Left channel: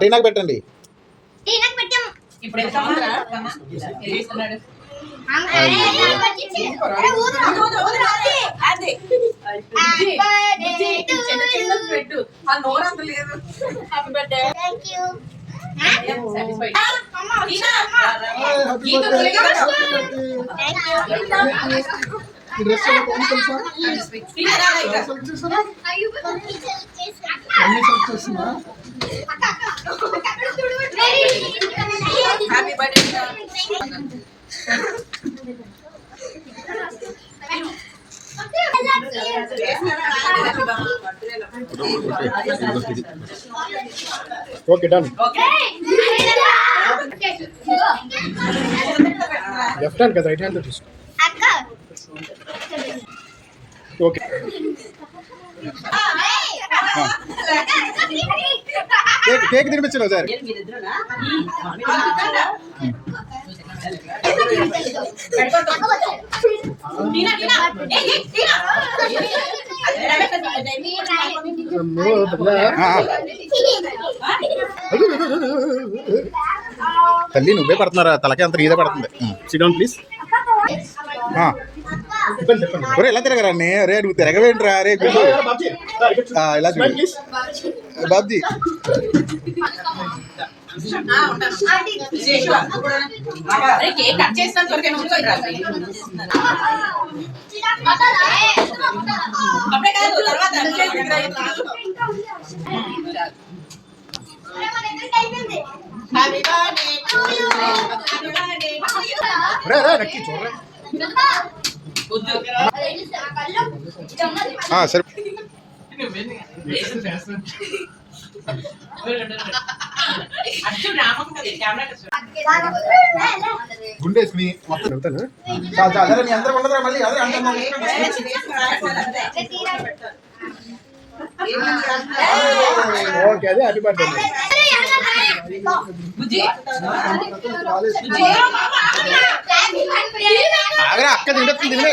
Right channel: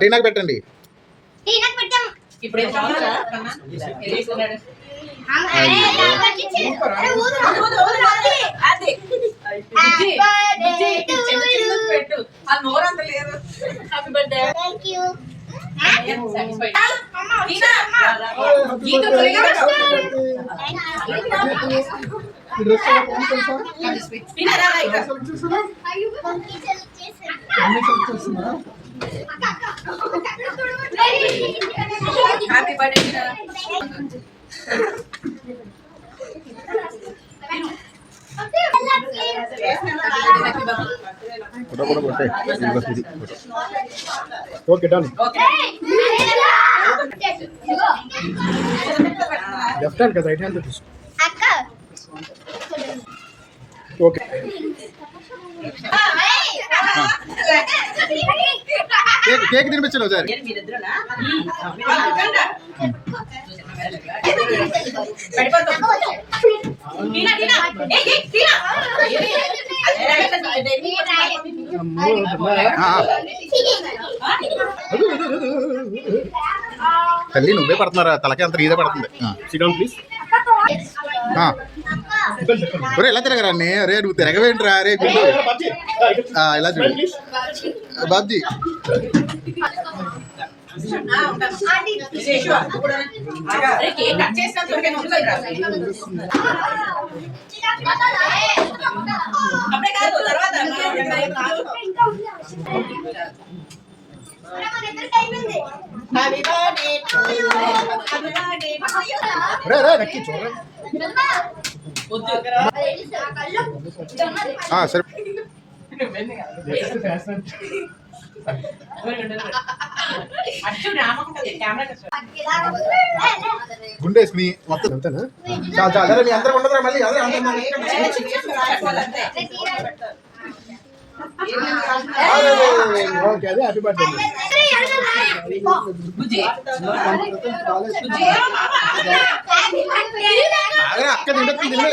టీనాకు పెట్టండి. ఇప్పుడు పెట్టు ఆ నోరంత లేదు. Happy birthday. Happy birthday. Okay done. Left hand కదా రైట్ హ్యాండ్ తీసుకో. ఓకే కేక్ కేక్ తినిపించండి ఒకసారి. తల్లి నువ్వే పడుతున్నారా? తలకే అంత నీదే పడుతుంది. Sit down please. ఒరే ఎలా తిరగరా అన్నీ? రే నువ్వు తిరగవేంట్రా? రే గుడ్డు ఇలా చూడు బాబ్జీ. రే రే నక్కి చూడరా. సరే గుండేసి మొత్తం వెళ్తాను. మళ్ళీ ఓకే అదే హ్యాపీ బర్త్డే. ఆగరా అక్క తింటుంది తిండి